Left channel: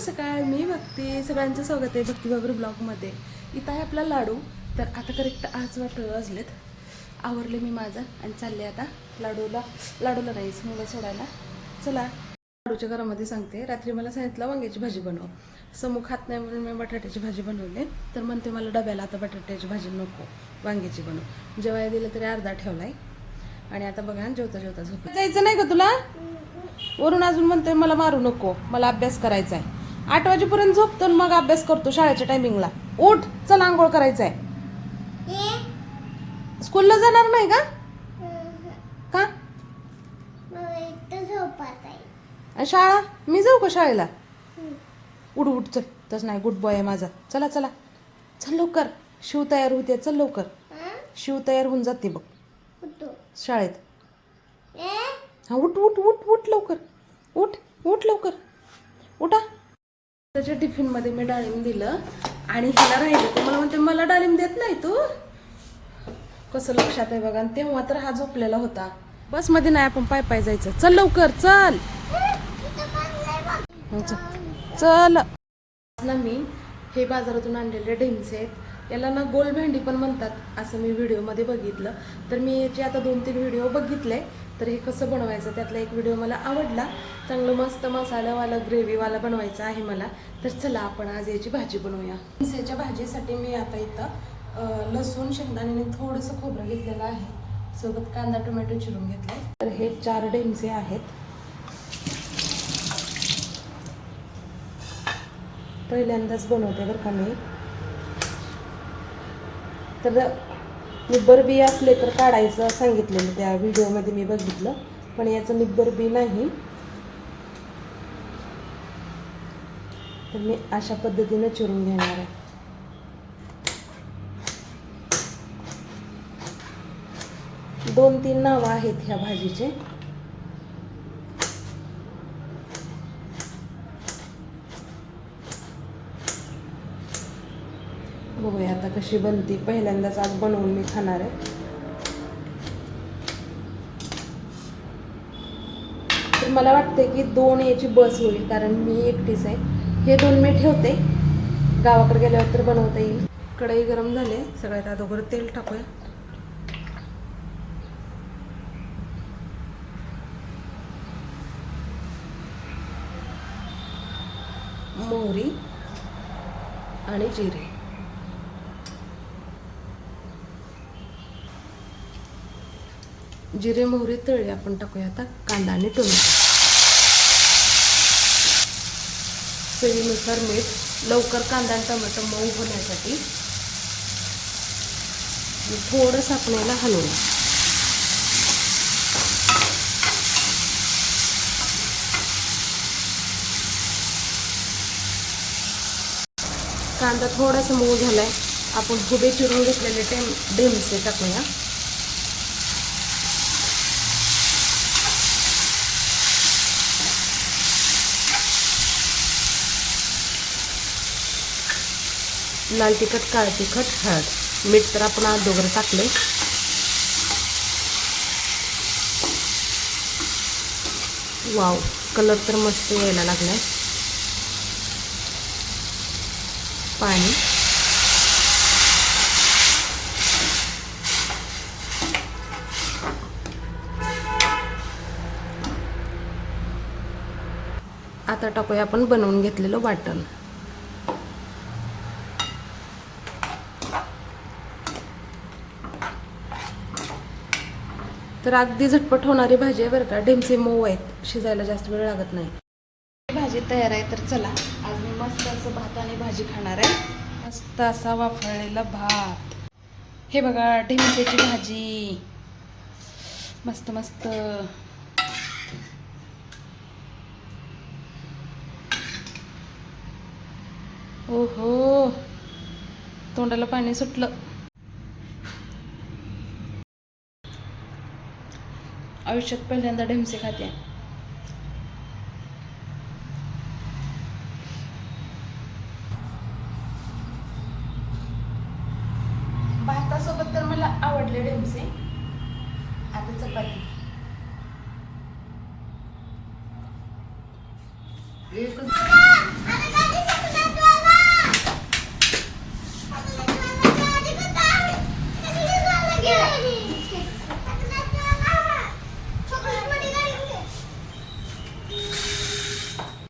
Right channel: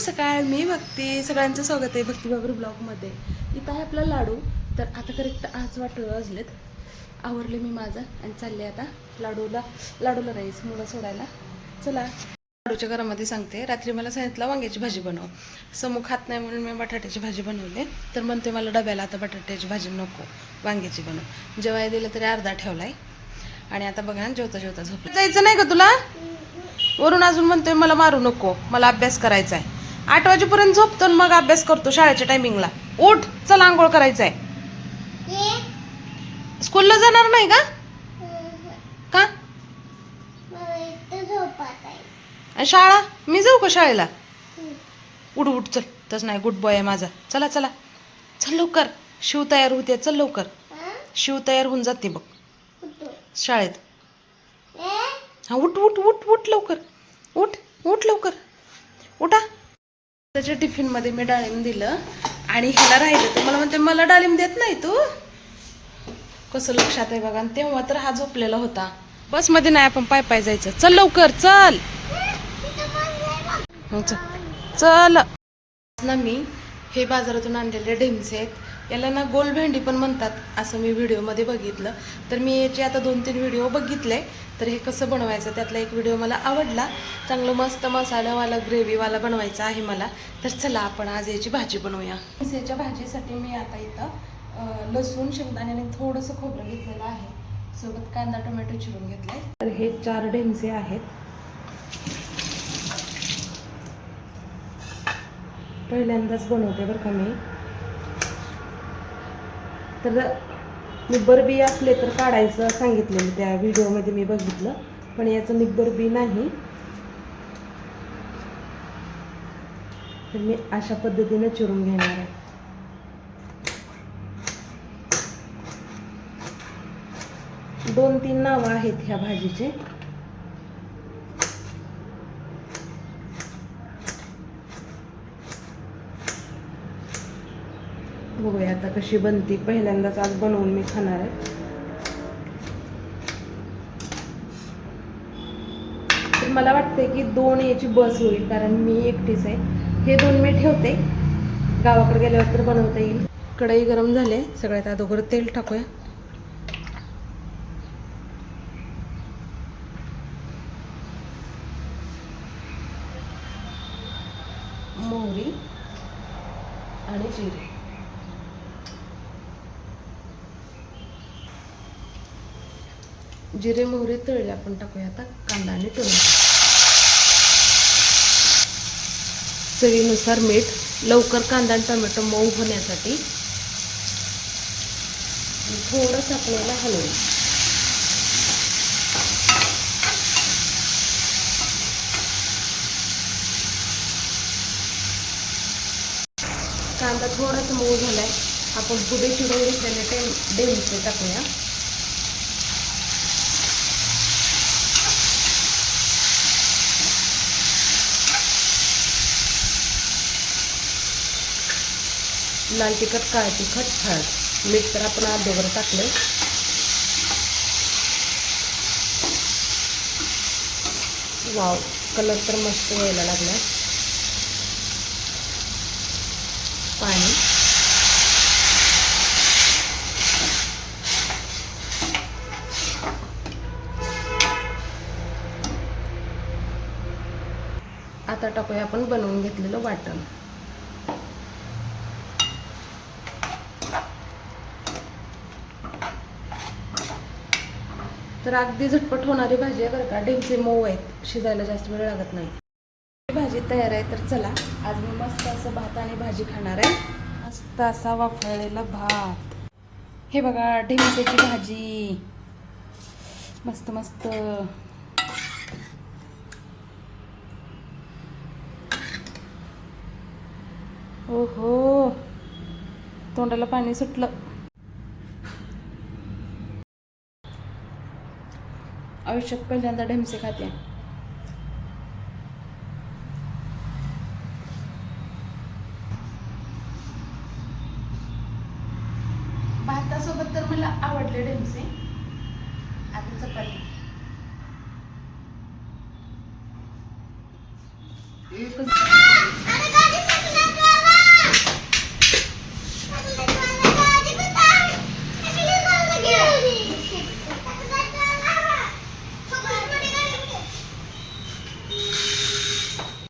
सकाळ. मी भक्ती. सगळ्यांचं स्वागत आहे भक्तीबाबर ब्लॉगमध्ये. इथं आहे आपला लाडू. तर आता करेक्ट 8 वाजलेत. आवरले मी माझं आणि चालले आता लाडूला नाही मुलं सोडायला. चला लाडूच्या घरामध्ये सांगते. रात्री मला सांगितलं वांग्याची भाजी बनव. समूह खात नाही म्हणून मी बटाट्याची भाजी बनवली. तर म्हणते मला डब्याला आता बटाट्याची भाजी नको, वांग्याची बनव. जेव्हा दिलं तरी अर्धा ठेवलाय. आणि आता बघा जेवता जेवता झोप. जायचं नाही का तुला? वरून अजून म्हणतोय मला मारू नको, मला अभ्यास करायचा आहे. 8 वाजेपर्यंत झोपतो आणि मग अभ्यास करतो शाळेच्या टायमिंगला. उठ, चल आंघोळ करायचं आहे. स्कूलला जाणार नाही का? का? शाळा मी जाऊ का शाळेला? उठ उठ चल. तस नाही, गुड बॉय आहे माझा. चला चला चल लवकर. शिव तयार होते, चल लवकर. शिव तयार होऊन जाते बघ शाळेत. हा उठ उठ उठ उठ लवकर. उठ उठ लवकर उठा. त्याच्या टिफिनमध्ये मी डाळिंब दिलं आणि ह्याला राहिलं तर मला म्हणते मला डाळिंब देत नाही तू. कसं लक्षात आहे बघा. आणि तेव्हा तर हा झोपलेला होता. बसमध्ये नाही, आपण पाय पाय जायचं. चल लवकर चल चल ना. मी हे बाजारातून आणलेले ढेमसे आहेत. याला ना गोल भेंडी पण म्हणतात असं मी व्हिडिओमध्ये बघितलं. तर मी याचे आता 2-3 व्हिडिओ बघितले. तर हे कसं बनवायचं त्यातला एक व्हिडिओ मला आवडला. चांगलं मस्त मसाल्यावाला ग्रेव्हीवाला बनवायचं आहे मला. तर चला आपण आज याची भाजी बनवूया. ढेमसेच्या भाजीसाठी मी आता इथं लसूण, शेंगदाणे आणि थोडंसं खोबरं घेतलेलं आहे. सोबत कांदा टोमॅटो चिरून घेतलाय. तर हे 4 ढेमसे आहेत. पहिल्यांदाच बनवते बरं का मी. तर निब्बर बी असले तर काढायचं सांगितलेलं त्या व्हिडिओमध्ये मी बघितलं. पण याचं निब्बर बी नाही. तर मी अशा पद्धतीने चिरून घेणार आहे. दोन 3 नावं आहेत ह्या भाजीचे. बघूया आता कशी बनती. पहिल्यांदाच आज बनवून मी खाणार आहे. तर मला वाटते की 2 याची बस होईल, कारण मी एकटीच आहे. हे 2 मी ठेवते, गावाकडे गेल्यावर तर बनवता येईल. कढई गरम झाले. सगळ्यात अगोदर तेल टाकूया. मोहरी आणि जिरे. जिरे मोहरी तळले. आपण टाकूया आता कांदा आणि टोमॅटो. चवीनुसार मीठ. लवकर कांदा आणि टोमॅटो मऊ होण्यासाठी थोडंसं आपल्याला हलवून. कांदा थोडासा मऊ झालाय. आपण पुढे चिरून घेतलेले ढेमसे टाकूया. लाल तिखट, काळं तिखट, हळद, मीठ तर आपण अगोदर टाकले. वाव, कलर तर मस्त यायला लागलाय. पाणी. आता टाकूया आपण बनवून घेतलेलं वाटण. तर अगदी झटपट होणारी भाजी आहे बरं का. ढेमसे मऊ आहेत, शिजायला जास्त वेळ लागत नाही. भाजी तयार आहे. तर चला आज मी मस्त असं भात आणि भाजी खाणार आहे. मस्त असा वाफळलेला भात. हे बघा ढेमसेची भाजी. मस्त मस्त. ओहो, तोंडाला पाणी सुटलं. आयुष्यात पहिल्यांदा ढेमसे खाते. भातासोबत तर मला आवडले ढेमसे. आता चपाती. एकच